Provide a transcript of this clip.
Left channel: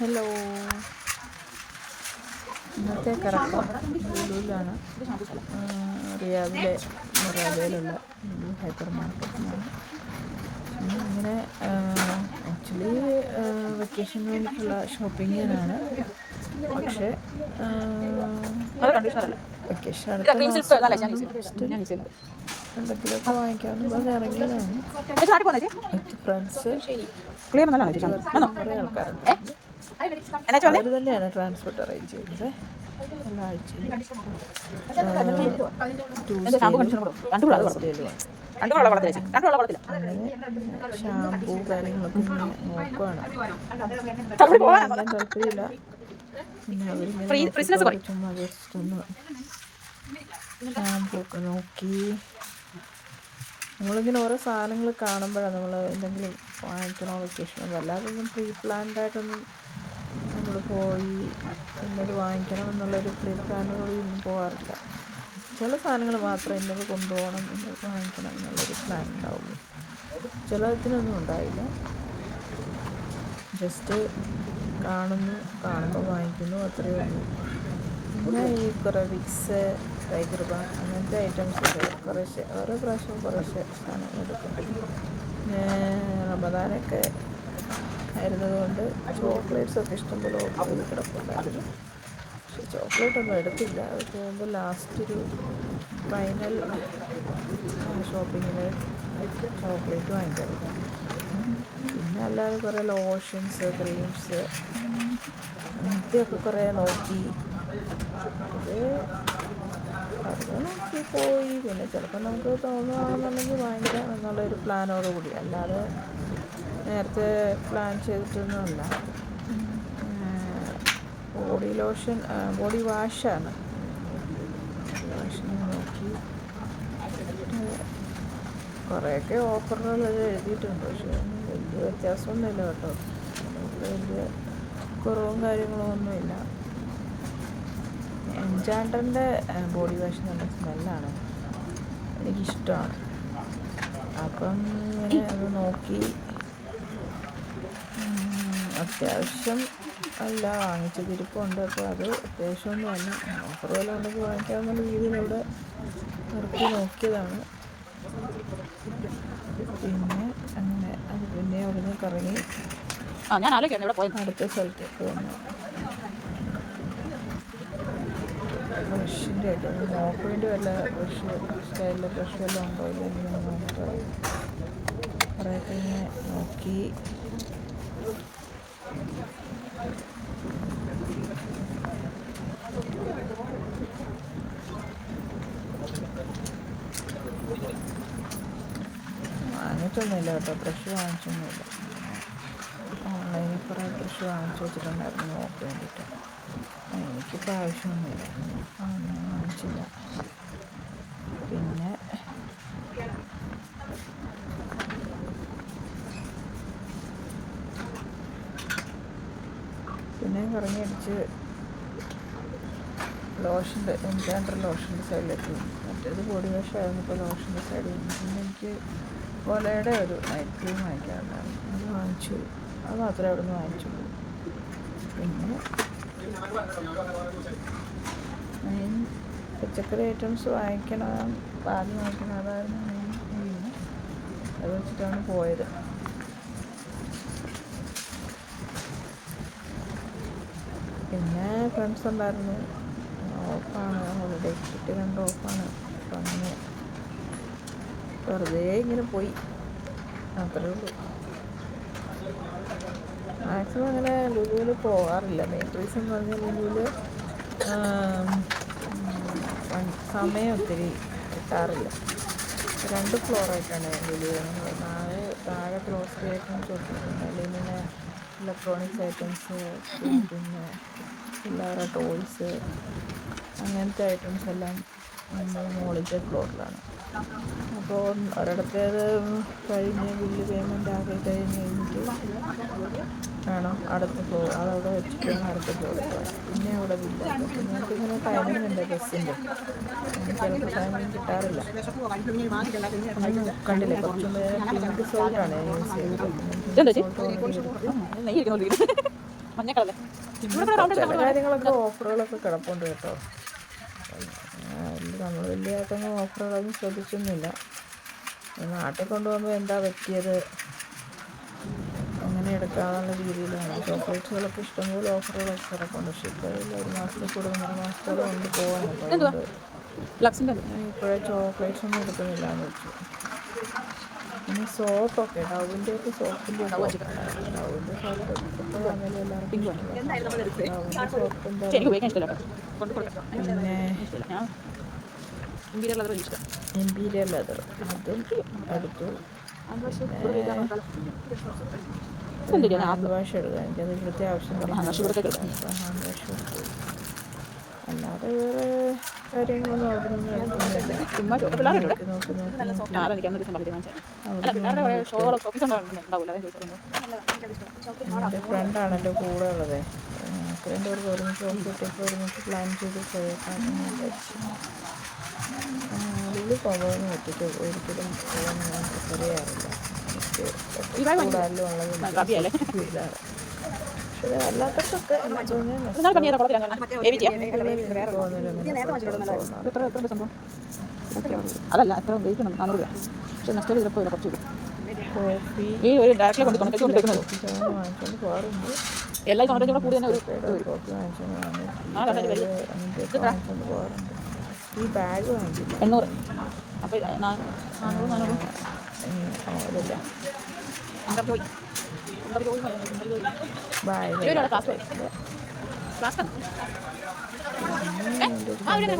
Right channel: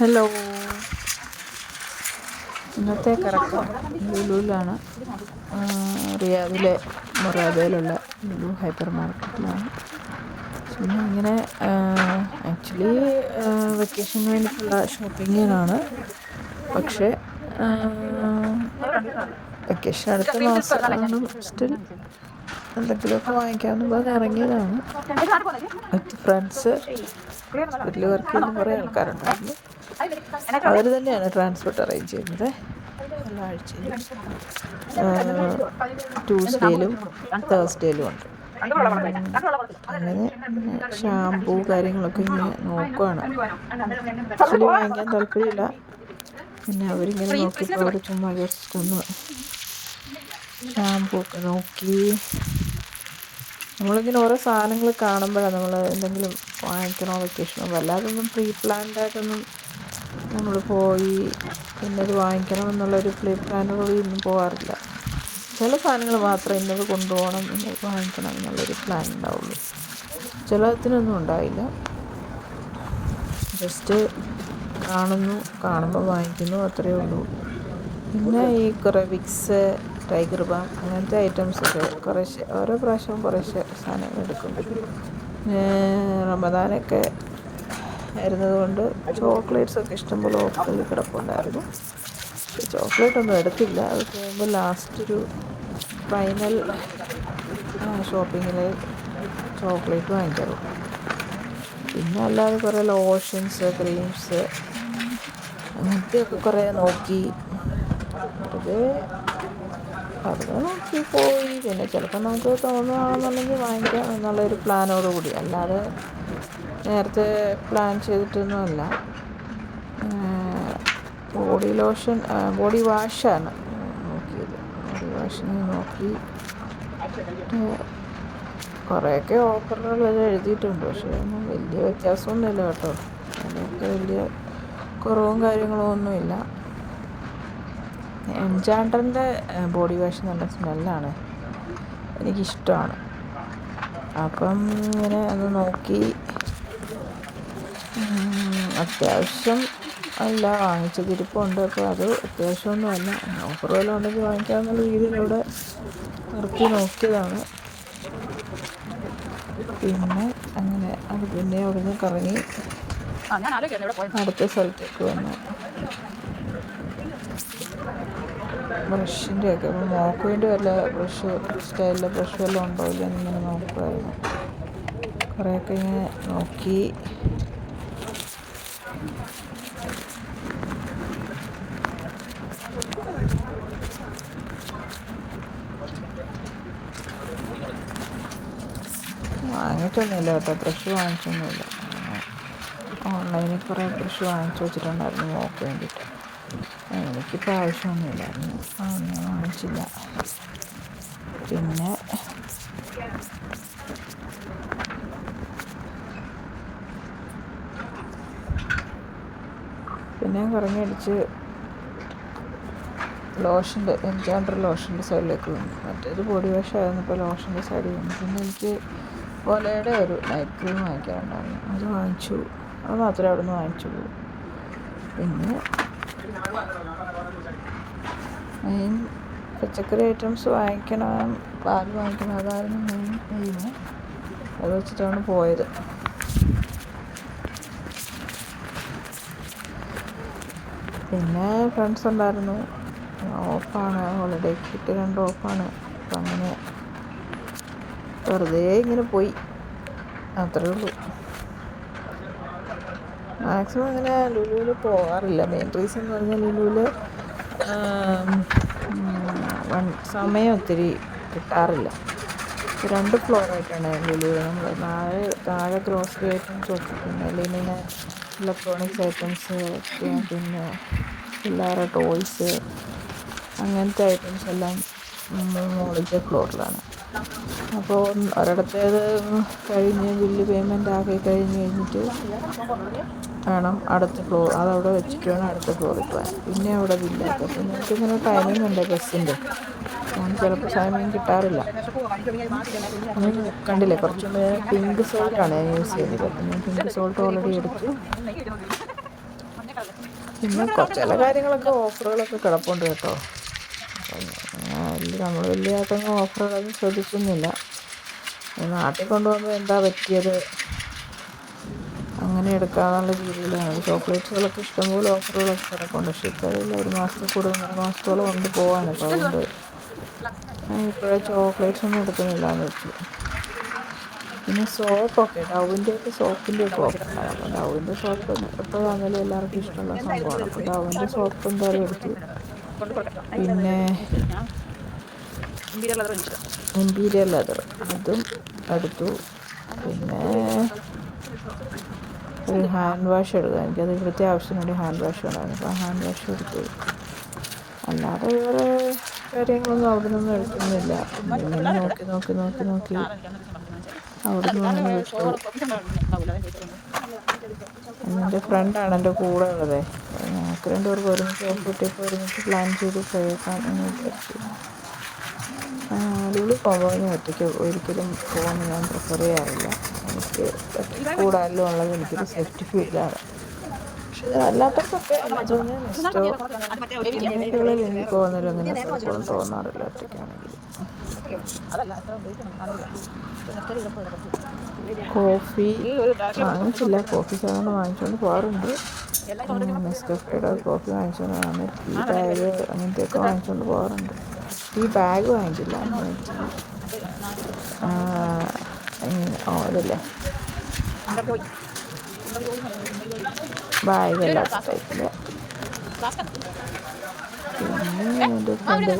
Hello, ഇന്നത്തെ കറക്കം ലുലുവിലാണ്. റിയാദിലെ മൊറാദയിലുള്ള ലുലു ഹൈപ്പർ മാർക്കറ്റിലാണ്. പിന്നെ ഇങ്ങനെ ആക്ച്വലി വെക്കേഷന് വേണ്ടിയിട്ടുള്ള ഷോപ്പിങ്ങിനാണ്. പക്ഷേ വെക്കേഷൻ അടുത്ത മാസം സ്റ്റിൽ എന്തെങ്കിലുമൊക്കെ വാങ്ങിക്കാമെന്ന് പറഞ്ഞ് ഇറങ്ങിയതാണ് വിത്ത് ഫ്രണ്ട്സ്. വീട്ടിൽ വർക്ക് ചെയ്യുന്ന കുറേ ആൾക്കാരുണ്ടായിരുന്നു. അവർ തന്നെയാണ് ട്രാൻസ്പോർട്ട് അറേഞ്ച് ചെയ്യുന്നത് എല്ലാ ആഴ്ചയിലും. ട്യൂസ്ഡേയിലും തേഴ്സ്ഡേയിലും ഉണ്ട്. അങ്ങനെ ഷാമ്പൂ കാര്യങ്ങളൊക്കെ ഇങ്ങനെ നോക്കുവാണ്. ആക്ച്വലി വാങ്ങിക്കാൻ താല്പര്യമില്ല. പിന്നെ അവരിങ്ങനെ നോക്കിയപ്പോൾ അവർ ചുമ്മാ ജസ്റ്റ് ഒന്ന് ഷാമ്പൂ ഒക്കെ നോക്കി. നമ്മളിങ്ങനെ ഓരോ സാധനങ്ങൾ കാണുമ്പോഴാണ് നമ്മൾ എന്തെങ്കിലും വാങ്ങിക്കണോ വെക്കേഷനോ വല്ലാതൊന്നും പ്രീ പ്ലാൻഡ് ആയിട്ടൊന്നും നമ്മൾ പോയി ഇന്നത് വാങ്ങിക്കണം എന്നുള്ളൊരു പ്രീ പ്ലാനോട് ഒന്നും പോകാറില്ല. ചില സാധനങ്ങൾ മാത്രമേ ഇന്നത് കൊണ്ടുപോകണം ഇന്നത് വാങ്ങിക്കണം എന്നുള്ളൊരു പ്ലാൻ ഉണ്ടാവുള്ളൂ. ചിലതിനൊന്നും ഉണ്ടാവില്ല. ജസ്റ്റ് കാണുമ്പോൾ വാങ്ങിക്കുന്നു, അത്രയേ ഉള്ളൂ. പിന്നെ ഈ കുറേ വിക്സ്, ടൈഗർ ബാം അങ്ങനത്തെ ഐറ്റംസൊക്കെ കുറേശ്ശെ ഓരോ പ്രാവശ്യവും കുറേശ്ശെ സാധനങ്ങൾ എടുക്കും. റമദാനൊക്കെ വരുന്നതുകൊണ്ട് ചോക്ലേറ്റ്സൊക്കെ ഇഷ്ടംപോലെ ഓഫറിൽ കിടപ്പുണ്ടായിരുന്നു. പക്ഷെ ചോക്ലേറ്റൊന്നും എടുത്തില്ല. അത് പോകുമ്പോൾ ലാസ്റ്റ് ഒരു ഫൈനൽ ഷോപ്പിങ്ങിൽ ചോക്ലേറ്റ് വാങ്ങിക്കാറുള്ളൂ. പിന്നെ അല്ലാതെ കുറേ ലോഷൻസ്, ക്രീംസ് അങ്ങനത്തെയൊക്കെ കുറേ നോക്കി വെറുതെ നോക്കി പോയി. പിന്നെ ചിലപ്പോൾ നമുക്ക് തോന്നുകയാണെന്നുണ്ടെങ്കിൽ വാങ്ങിക്കാം എന്നുള്ളൊരു പ്ലാനോട് കൂടി, അല്ലാതെ നേരത്തെ പ്ലാൻ ചെയ്തിട്ടൊന്നുമല്ല. ബോഡി വാഷാണ് നോക്കിയത്. ബോഡി വാഷിന് നോക്കി കുറേയൊക്കെ ഓഫറുകൾ എഴുതിയിട്ടുണ്ട്. പക്ഷേ ഒന്നും വലിയ വ്യത്യാസമൊന്നുമില്ല കേട്ടോ. അതിനൊക്കെ വലിയ കുറവും കാര്യങ്ങളും ഒന്നുമില്ല. എംജാണ്ടറിൻ്റെ ബോഡി വാഷ് നല്ല സ്മെല്ലാണ്, എനിക്കിഷ്ടമാണ്. അപ്പം ഇങ്ങനെ അത് നോക്കി അത്യാവശ്യം അല്ല വാങ്ങിച്ചത് ഇരിപ്പുണ്ട്. അപ്പോൾ അത് അത്യാവശ്യമൊന്നുമല്ല, ഓഫർ വല്ലതും ഉണ്ടെങ്കിൽ വാങ്ങിക്കാമെന്നുള്ള രീതിയിലൂടെ നിർത്തി നോക്കിയതാണ്. പിന്നെ അങ്ങനെ അത് പിന്നെ അവിടുന്ന് കറങ്ങി അടുത്ത സ്ഥലത്തേക്ക് വന്നു. ബ്രഷിൻ്റെ ഒക്കെ അപ്പോൾ മോക്ക് വേണ്ടി വല്ല ബ്രഷ് സ്റ്റൈലിലെ ബ്രഷ് വല്ലതും ഉണ്ടോ ഇല്ല എന്നിങ്ങനെ നോക്കുമായിരുന്നു. കുറേയൊക്കെ ഇങ്ങനെ നോക്കി. വാങ്ങിച്ചൊന്നുമില്ല കേട്ടോ, ബ്രഷ് വാങ്ങിച്ചൊന്നുമില്ല. ഓൺലൈനിൽ കുറേ ബ്രഷ് വാങ്ങിച്ചു വെച്ചിട്ടുണ്ടായിരുന്നു മോക്ക് വേണ്ടിയിട്ട്. എനിക്കിപ്പോൾ ആവശ്യമൊന്നുമില്ലായിരുന്നു, ഞാൻ വാങ്ങിച്ചില്ല. പിന്നെ കറങ്ങിയടിച്ച് ലോഷൻ്റെ എംജാണ്ടർ ലോഷൻ്റെ സൈഡിലേക്ക് വന്നു. മറ്റേത് ബോഡി വാഷ് ആയിരുന്നു, ഇപ്പോൾ ലോഷൻ്റെ സൈഡിൽ വന്നു. പിന്നെ എനിക്ക് ഒലയുടെ ഒരു നൈറ്റ് ക്രീം വാങ്ങിക്കാറുണ്ടായിരുന്നു, അത് വാങ്ങിച്ചു. അത് മാത്രമേ അവിടെ നിന്ന് വാങ്ങിച്ചുള്ളൂ. പിന്നെ മെയിൻ പച്ചക്കറി ഐറ്റംസ് വാങ്ങിക്കണം, പാൽ വാങ്ങിക്കണം, അതായിരുന്നു മെയിൻ എയിം. അത് വെച്ചിട്ടാണ് പോയത്. പിന്നെ ഫ്രണ്ട്സ് ഉണ്ടായിരുന്നു. ഓഫാണ്, ഹോളിഡേ കിറ്റ് 2 ഓഫാണ്. അപ്പം അങ്ങനെ വെറുതെ ഇങ്ങനെ പോയി, അത്രേ ഉള്ളൂ. മാക്സിമം ഇങ്ങനെ ലുലുവിൽ പോകാറില്ല. മെയിൻ റീസൺ എന്ന് പറഞ്ഞാൽ ലുലുവിൽ സമയം ഒത്തിരി കിട്ടാറില്ല. 2 ഫ്ലോറായിട്ടാണ് ലുലുവിൽ. നമ്മൾ താഴെ ഗ്രോസറി ഐറ്റംസ് ഒക്കെ, പിന്നെ ലിനൻ, ഇലക്ട്രോണിക്സ് ഐറ്റംസ്, പിന്നെ പിള്ളേരുടെ ടോയ്സ് അങ്ങനത്തെ ഐറ്റംസ് എല്ലാം മുകളിലത്തെ ഫ്ലോറിലാണ്. അപ്പോൾ ഒരിടത്തേത് കഴിഞ്ഞ് ബില്ല് പേയ്മെൻ്റ് ആക്കി കഴിഞ്ഞിട്ട് വേണം അടുത്ത ഫ്ലോർ, അതവിടെ വെച്ചിട്ട് വേണം അടുത്ത ഫ്ലോറിൽ പോകാൻ. പിന്നെ അവിടെ ബില്ലാക്കുക. അപ്പോൾ നിങ്ങൾക്കിങ്ങനെ ടൈമിംഗ് ഉണ്ട് ബസ്സിൻ്റെ, ചിലപ്പോൾ സമയം കിട്ടാറില്ല. കണ്ടില്ലേ, കുറച്ച് മുമ്പേ പിങ്ക് സോൾട്ടാണ് ഞാൻ യൂസ് ചെയ്തത്. അപ്പം ഞാൻ പിങ്ക് സോൾട്ട് ഓൾറെഡി എടുത്തു. പിന്നെ ചില കാര്യങ്ങളൊക്കെ ഓഫറുകളൊക്കെ കിടപ്പുണ്ട് കേട്ടോ. നമ്മൾ വലിയതായിട്ടൊന്നും ഓഫറുകളൊന്നും ശ്രദ്ധിക്കുന്നില്ല. നാട്ടിൽ കൊണ്ടുപോകുമ്പോൾ എന്താ പറ്റിയത് അങ്ങനെ എടുക്കാന്നുള്ള രീതിയിലാണ്. ചോക്ലേറ്റ്സുകളൊക്കെ ഇഷ്ടംപോലെ ഓഫറുകളൊക്കെ കിടപ്പുണ്ട്. പക്ഷേ ഇപ്പോൾ അതിൽ 1 മാസത്തിൽ കൂടുതൽ 1.5 മാസത്തോളം കൊണ്ട് പോകാനപ്പോൾ അതുകൊണ്ട് ഇപ്പോഴേ ചോക്ലേറ്റ്സ് ഒന്നും എടുക്കുന്നില്ല എന്ന് വെച്ചു. പിന്നെ സോപ്പൊക്കെ ഡവിൻ്റെയൊക്കെ സോപ്പിൻ്റെ ഒക്കെ ഓഫർ ഉണ്ടായിരുന്നു. ഡവിൻ്റെ സോപ്പ് എപ്പോൾ വന്നാലും എല്ലാവർക്കും ഇഷ്ടമുള്ള സംഭവമാണ്. അപ്പോൾ ഡവിൻ്റെ സോപ്പ് എന്തായാലും എടുത്തു. പിന്നെ ഇമ്പീരിയൽ ലെതർ അതും എടുത്തു. പിന്നെ ഒരു ഹാൻഡ് വാഷ് എടുക്കുക. എനിക്കത് ഇവിടുത്തെ ആവശ്യത്തിന് ഒരു ഹാൻഡ് വാഷ് ഉണ്ടായിരുന്നു. അപ്പോൾ ഹാൻഡ് വാഷ് എടുത്തു. അല്ലാതെ വേറെ കാര്യങ്ങളൊന്നും അവിടെ നിന്നും എടുക്കുന്നില്ല. നോക്കി അവിടെ നിന്ന് എൻ്റെ ഫ്രണ്ടാണ് എൻ്റെ കൂടെ ഉള്ളത്. ഞങ്ങൾക്ക് 2 പേർക്ക് ഒരുമിച്ച് ഓഫിട്ടൊക്കെ ഒരുമിച്ച് പ്ലാൻ ചെയ്ത് പോയേക്കാം എന്ന് വിചാരിച്ചു. ലുലു പോകുമ്പോൾ ഒറ്റയ്ക്ക് ഒരിക്കലും പോകാൻ ഞാൻ പ്രിഫർ ചെയ്യാറില്ല. എനിക്ക് കൂടാലും ഉള്ളത് എനിക്കൊരു സെറ്റ് ഇതാണ്. പക്ഷേ അല്ലാത്തവർക്കൊക്കെ എനിക്ക് പോകുന്നതിലും അങ്ങനെ തോന്നാറില്ല. കോഫി വാങ്ങിച്ചില്ല. കോഫി സാധനം വാങ്ങിച്ചുകൊണ്ട് പോകാറുണ്ട്. കോഫി വാങ്ങിച്ചുകൊണ്ട് പോകാറുണ്ട്. ടീ ബാഗ് അങ്ങനത്തെയൊക്കെ വാങ്ങിച്ചുകൊണ്ട് പോകാറുണ്ട്. ടീ ബാഗ് വാങ്ങിച്ചില്ല. അതല്ല ബാഗല്ല പിന്നെ എൻ്റെ ഫ്രണ്ട്